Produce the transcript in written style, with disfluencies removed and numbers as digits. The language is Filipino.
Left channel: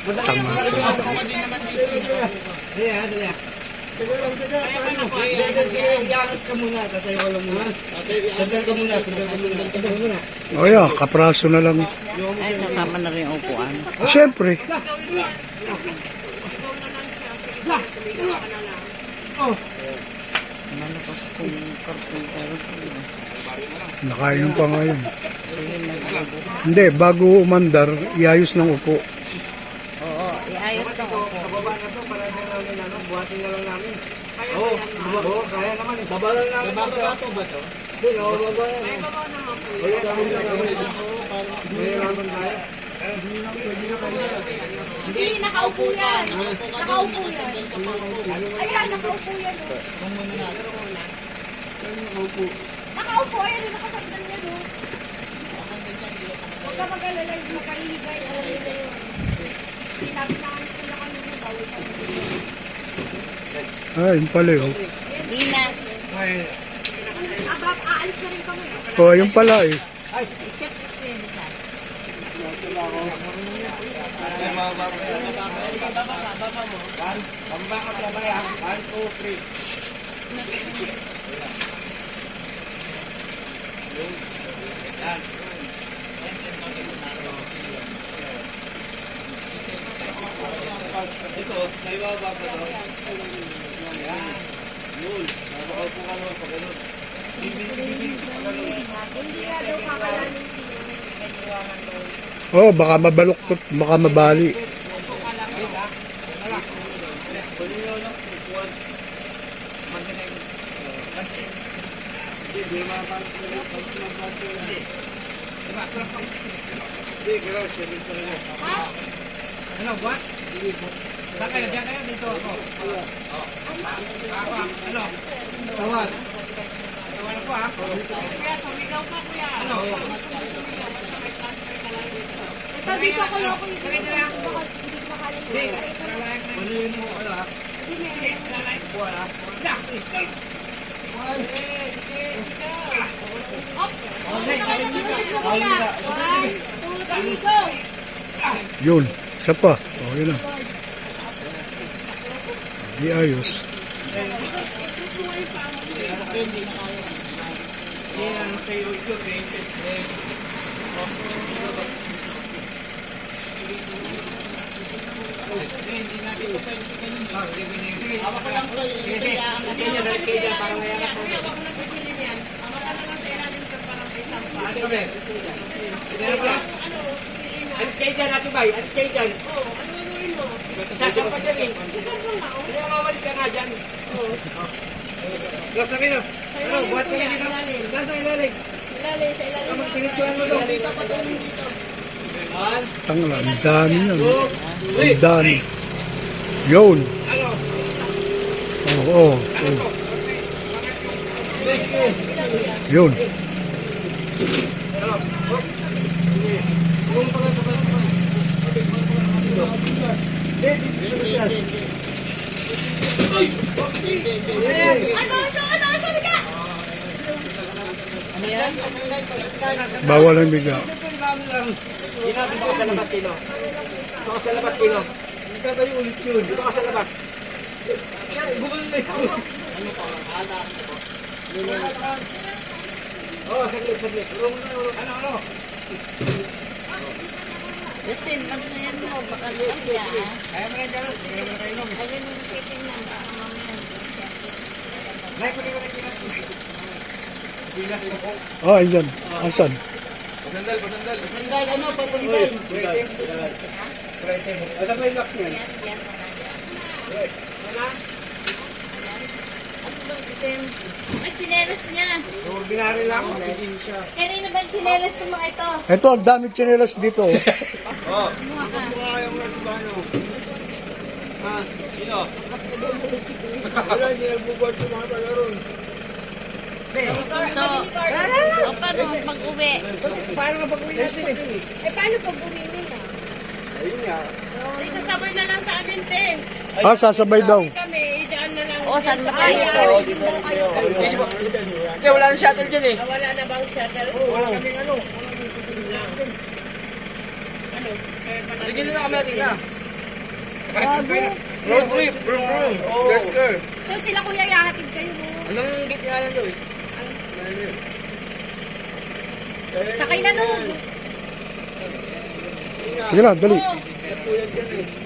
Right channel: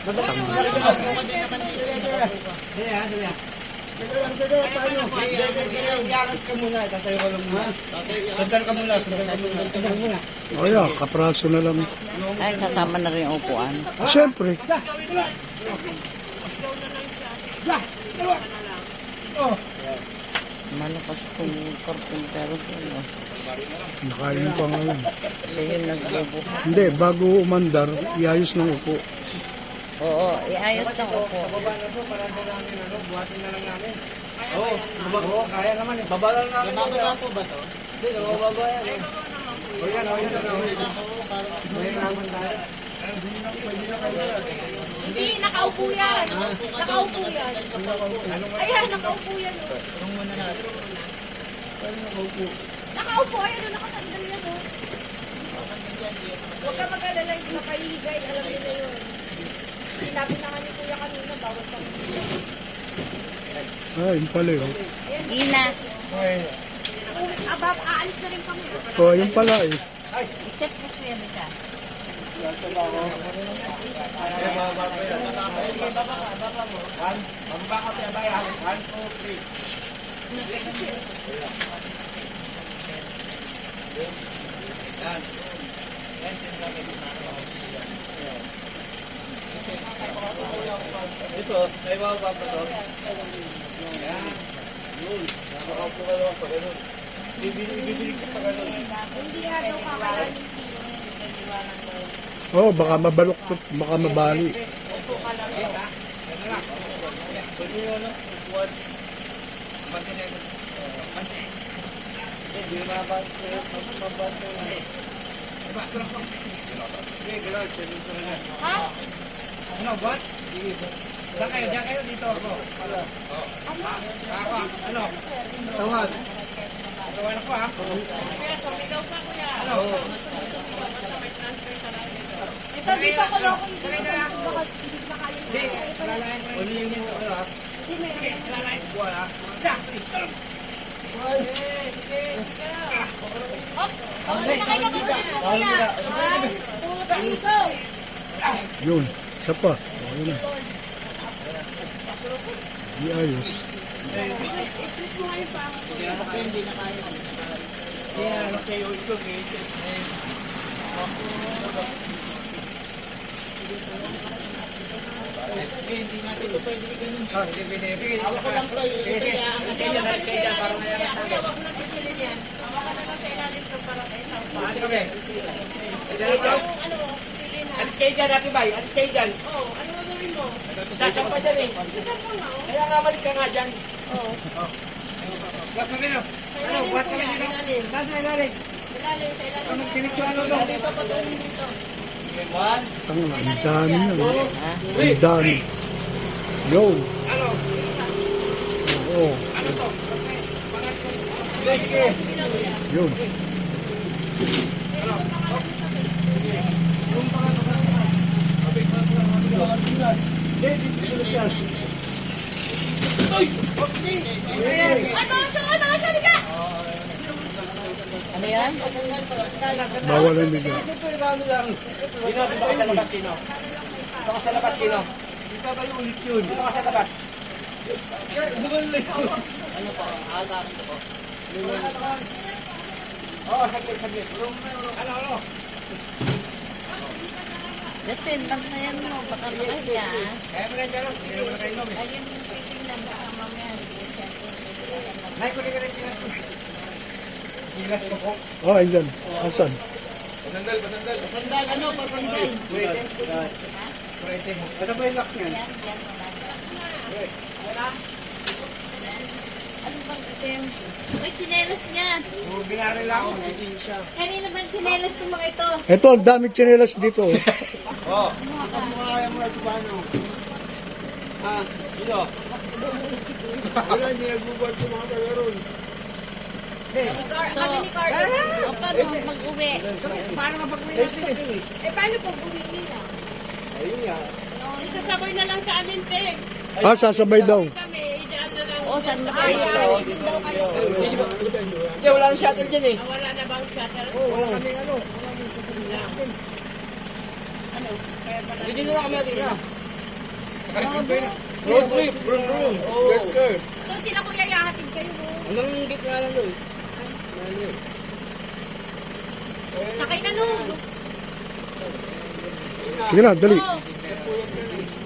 O yan, kapraso na lang. Ay, sasama na rin yung upuan. Siyempre. Malakas kong karpintero ko. Nakainom pa ngayon. Sige, nagbubo. Hindi, bago umandar, iayos ng upo. Oo, iayos ng upo. Buhatin na lang namin. Oo, kaya naman eh. Babalan namin. Babato ba ito? Hindi, babalan. O yan, ako na naman. Ngayon naman tayo. Hindi, nakaupo yan. Nakaupo yan. Ayan, nakaupo yan. Nakaupo, ayan, nakasandal yan. Huwag ka mag-alala, hindi nakahigay. Alam mo na yun. Hindi namin nakanito lang kanina, bawal ka. Ah, yun pala yun. Ina. Aba, aalis na rin kami. O, yun pala eh. I-check na siya nila. Ito, may bababa ka doon. Yun. Nakaupo ka doon pag ano. Bibili ka pag ano. Hindi nga daw kakalanin siya. Oh, baka mabaluktot, baka mabali. Hindi mabante. Hindi, grabe. Ha? Ano, what? Saan kayo? Diyan kayo? Dito ako. Ano? Tawag. Tawag ako ha? Kuya, sumigaw ka, kuya. Ano? Ito, dito ko loko yung Dali na lang. baka hindi pa kayo. Hindi, lalayan ko Ano yung mo ka? Hindi, meron. Buwan ha? Oh, ano na kayo kasi muna? 1, 2, 3, go! Yun, isa pa. Okay na. Iayos. Hawak ko lang to. Kuya, wag mo nang pipili yan. Hawak ka lang sa ilalim ko para isang pa. Ano? Skate dyan natin ba? Skate dyan. Oo, ano gagawin mo? Sasampa dyan eh. Isang na, oh. Kaya mamalis ka nga dyan. Gas na rin. Ano, buhat kami dito. Gas na ilalim. Ilalim, sa ilalim. Tinitsuhan mo doon. Dito pa doon dito. Tangla, ang dami na. Ang dami. Yun. Ano? Oo. Ano to? Yun. Ano siya, biga? Ano yan? Bawal ang biga. Siyempre kami lang. Hindi natin baka sa labas Kino. Baka sa labas Kino. Hindi ka tayo ulit yun. Di baka sa labas. Bumalik. Ano pa? Oo, saglit. Ano? Justin, bantayan mo. Baka mahiya. Kaya mo na dyan. Hindi naman na kayo inom. Ayun, titingnan ba ang mga yan? Nay, kunin ko na dyan. Gilas ko po. Ah, ayan. Asan? Pasandal. Pasandal, ano? Pasandal. Pwede mo. Asan na yung lock niyan? Yan, yan. Ano bang item? May tsinelas niya. Ordinary lang. Kanina bang tsinelas itong mga ito? Ito, ang dami tsinelas dito. Oo. Kumuha ka. Kaya mo lang si Bano. Ha? Sino? Wala, hindi nagbubuhat yung mga tagaroon. O paano mag-uwi? Paano na pag-uwi natin eh? Eh, paano pag uwi nila? Ayun nga. Isasabay na lang sa amin, Ting. Ah, sasabay daw. Kami, idaan na lang. O, saan ba tayo? Hindi, wala nang shuttle dyan eh. Wala na bang shuttle? Wala kaming ano. Sige na lang kami natin na. Road trip, bro. Yes, sir. Doon sila kuya ihahatid kayo mo. Anong git nga lang daw eh? Sakay na doon. Sige na, dali. Oh.